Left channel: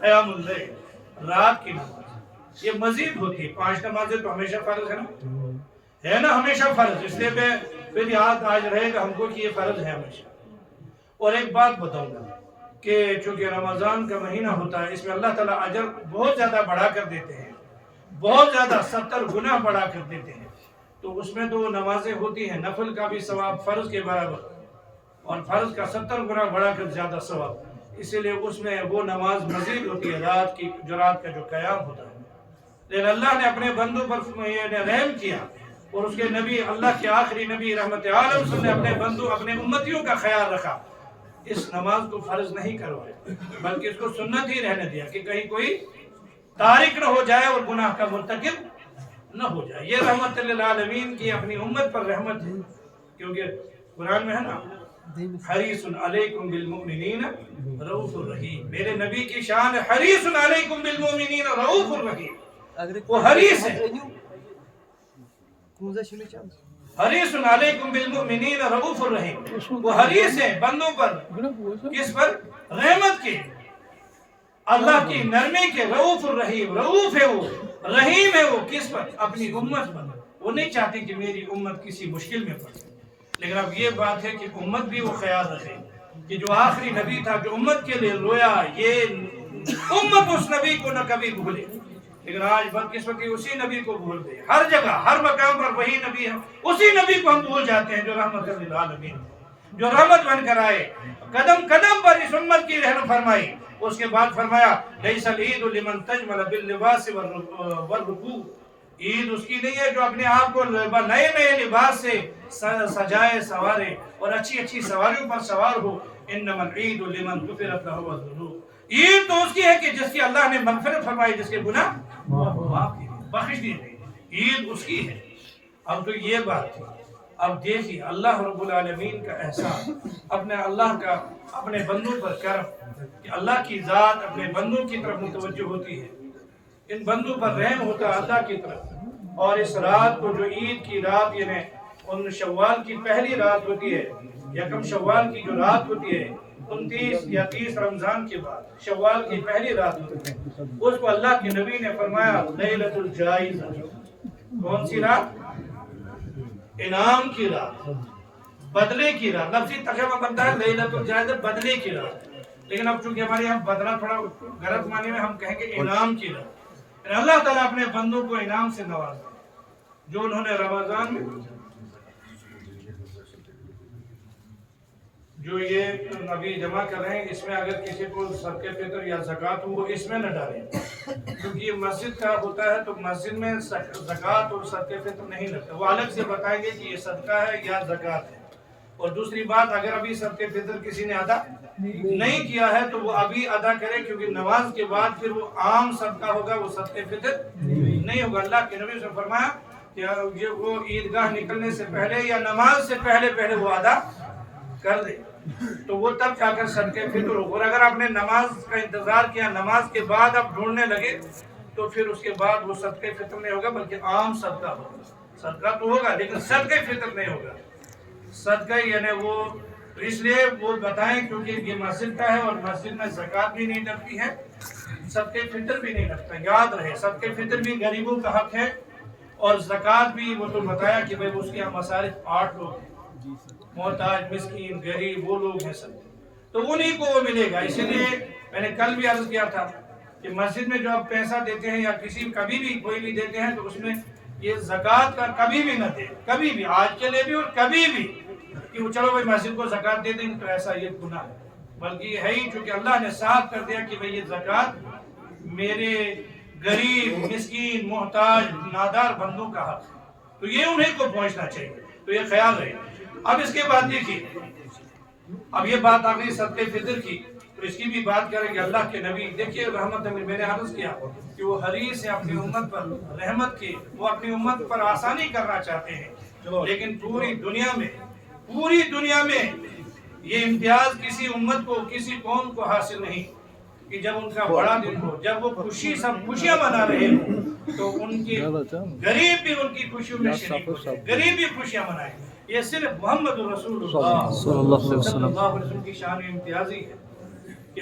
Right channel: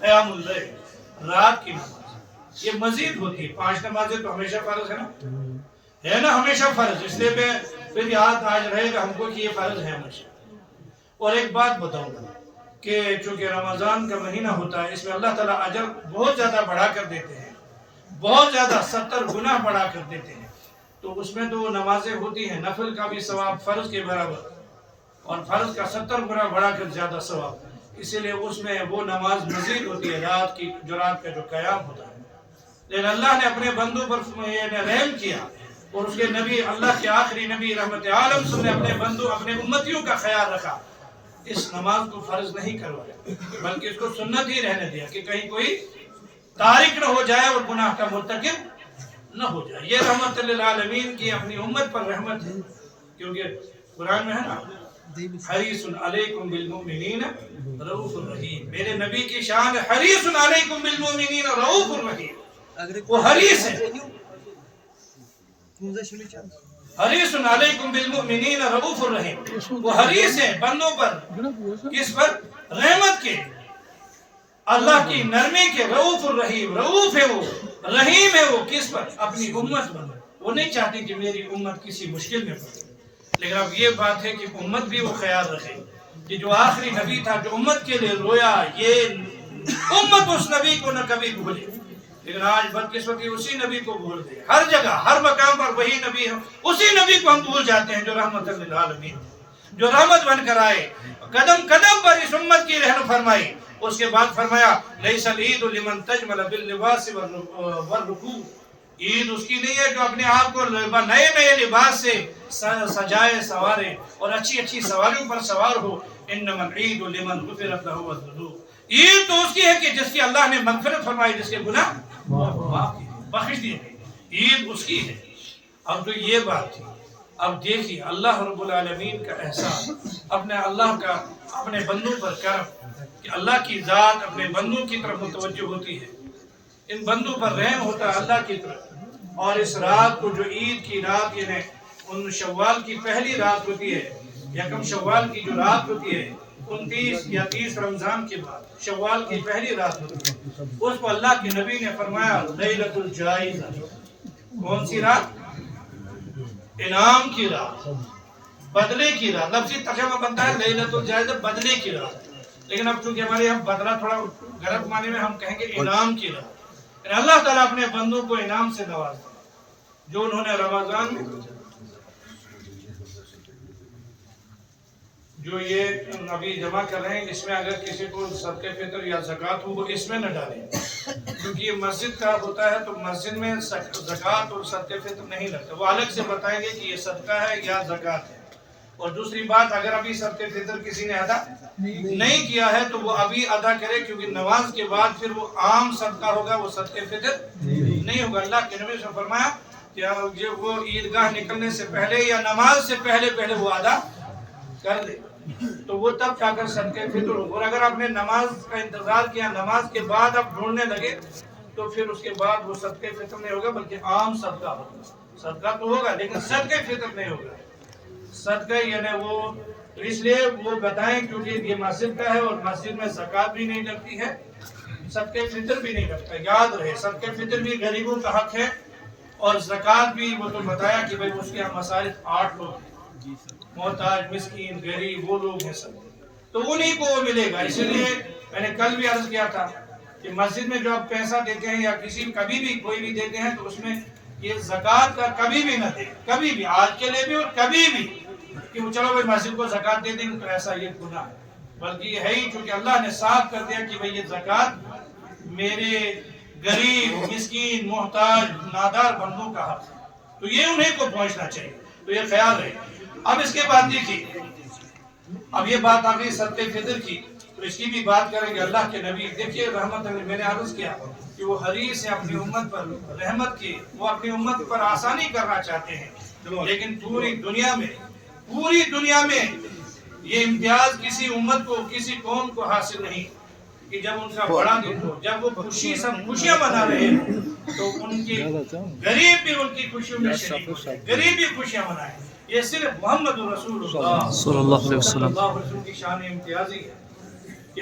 क़यामुल लैल, रात की नमाज ये मजीद होती है। 5 नमाजें तो हमेशा फर्ज है ना हमेशा फर्ज, इसलिए मैं फिर याद आज रहेगा हमको कि ये फर्ज है हमेशा। और एक बात बताऊंगा कि चूंकि रमज़ान का महीना होता है, इसमें अल्लाह ताला अजर बहुत ज़्यादा बढ़ा कर देते हैं, बहुत ज़्यादा 70 गुना बढ़ा कर देते हैं। तो उसमें तो नमाजें होती हैं, नफल का भी सवाब फ़र्ज के बराबर और फ़र्ज का 70 गुना बढ़ा कर ज़्यादा सवाब, इसीलिए उसमें वो नमाज मजीद होती है रात की, जो रात का जो क़याम होता है। लेकिन अल्लाह ने अपने बंदों पर रहम किया और उसके नबी, अल्लाह के आखिरी नबी रहमत आलम ने अपने बंदों, अपने उम्मतियों का ख्याल रखा। इस नमाज को फर्ज नहीं करवाया, बल्कि इसको सुन्नत ही रहने दिया कि कहीं कोई तारिक न हो जाए और गुनाह का मुर्तकिब न हो जाए। ये रहमत लिल आलमीन की अपनी उम्मत पर रहमत है, क्योंकि कुरान में है ना, हरीसुन अलैकुम बिल मुमिनीन रऊफुर रहीम, मेरे नबी की शान है हरीसुन अलैकुम बिल मुमिनीन रऊफुर रहीम। वो हरीस है, हरीसुन अलैकुम बिल मुमिनीन रऊफुर रहीम, वो हरीस है बंदों पर, किस पर? रहमत के, अल्लाह की नरमी के। रऊफुर रहीम, रऊफ है वो, रहीम है वो, किस पर? अपनी उम्मत पर। वो नहीं चाहते कि मेरी उम्मत किसी मुश्किल में पड़े। लेकिन अब ये बात है कि उम्मत भी वो ख्याल रखे कि जो आखिरी नबी था, जो उम्मत के लिए रोया, ये उम्मत उस नबी को न कभी भूले। लेकिन आज बदकिस्मती उसी नबी को भूल गए, हर जगह हर मकाम पर वही नबी है, उसी नबी को हम भूल जाते हैं जो रहमत लिल आलमीन, जो रहमत बनकर आए, कदम कदम पर इस उम्मत की रहम फरमाई। उसके बाद फरमाया लैसल ईद लिमन तजमल बिल लिबास वर रुकू, ईद उसकी नहीं है जो अपने आप को नए नए लिबास से सजाए संवारे और अच्छी अच्छी सवारियों पर सवार हो। इन्नमल ईद लिमन गुफिरत लहु ज़ुनूब, ईद तो उसकी है कि जिसकी अल्लाह ने मगफिरत फरमाई, जिसके गुनाह माफ किए, बख्श दिए गए, ईद उसकी है। अब तो ये बात थी। अब देखिए अल्लाह रब्बुल आलमीन का एहसान, अपने अल्लाह का अपने बंदों पर करम कि अल्लाह की ज़ात अपने बंदों की तरफ मुतवज्जो होती है, इन बंदों पर रहम होता है अल्लाह की तरफ। और इस रात को, जो ईद की रात यानी उन शव्वाल की पहली रात होती है, यकम शव्वाल की जो रात होती है, 29 या 30 रमजान के बाद शव्वाल की पहली रात होती है, उसको अल्लाह के नबी ने फरमाया लैलतुल जाइज़ा। कौन सी रात? इनाम की रात, बदले की रात। लफ्ज़ी तर्जुमा बनता है लैलतुल जाइज़ा, बदले की रात। लेकिन अब चूंकि हमारे यहाँ बदला थोड़ा गलत माने में, हम कहेंगे इनाम की रात। अल्लाह ताला अपने बंदों को इनाम से नवाजा, जो उन्होंने रमजान में जो ये अभी जमा कर रहे हैं, इसमें अगर किसी को सदके फितर या ज़कात हो वो इसमें न डालें, क्योंकि ये मस्जिद का होता है, तो मस्जिद में ज़कात और सदके फितर नहीं लगता। वो अलग से बताएंगे कि ये सदका है या ज़कात है। और दूसरी बात, अगर अभी सदके फितर किसी ने अदा नहीं किया है तो वो अभी अदा करे, क्योंकि नमाज के बाद फिर वो आम सदका होगा, वो सदके फितर नहीं होगा। अल्लाह के नबी से फरमाया कि ये वो ईदगाह निकलने से पहले या नमाज से पहले पहले वो अदा कर दे, तो वो तब जाकर सदके फितर हो। और अगर आपने नमाज का इंतजार किया, नमाज के बाद आप ढूंढने लगे, तो फिर उसके बाद वो सदके फितर नहीं होगा, बल्कि आम सदका होगा। सदका तो होगा लेकिन सदके फितर नहीं होगा। सदका यानी वो, तो इसलिए वो बताएं, क्योंकि ये मस्जिद का है और मस्जिद में ज़कात भी नहीं लगती है, सदके फितर भी नहीं लगता। याद रहे, सदके फितर भी गरीबों का हक है और ज़कात भी। वो तो बताया कि भाई उसके यहाँ मसारिफ 8 लोग हैं, मोहताज, मिस्कीन, गरीब, वो लोग हैं सब, तो उन्हीं को वो मिलेगा। इसीलिए मैंने कल भी अर्ज किया था कि मस्जिद में जो आप पैसा देते हैं या किसी कभी भी कोई भी देते हैं, तो उसमें ये ज़कात का कभी भी न दे, कभी भी, आज के लिए भी और कभी भी, कि वो चलो भाई मस्जिद को ज़कात दे देंगे तो ऐसा ये गुनाह है। बल्कि है ही, क्योंकि अल्लाह ने साफ कर दिया कि भाई ये ज़कात मेरे गरीब, मिस्कीन, मोहताज, नादार बंदों का हक है, तो ये उन्हीं को पहुंचना चाहिए। तो ये ख्याल रहे। अब इसके बाद देखिए, अब ये बात आ गई सदके फितर की, तो इसकी भी बात करेंगे। अल्लाह के नबी देखिए रहमत, मैंने अर्ज किया कि वो हरीस है अपनी उम्मत पर रहमत की, वो अपनी उम्मत पर आसानी करना चाहते हैं। लेकिन पूरी दुनिया में ये इम्तियाज किसी उम्मत को, किसी कौम को हासिल नहीं कि जब उनका बड़ा दिन हो, जब वो खुशी, सब खुशियां मना रहे हो, तो उनके गरीब भी उनकी खुशियों में शरीक हो, गरीब भी खुशियां मनाए। ये सिर्फ मोहम्मद रसूलुल्लाह सल्लल्लाहु अलैहि वसल्लम की शान इम्तियाजी है।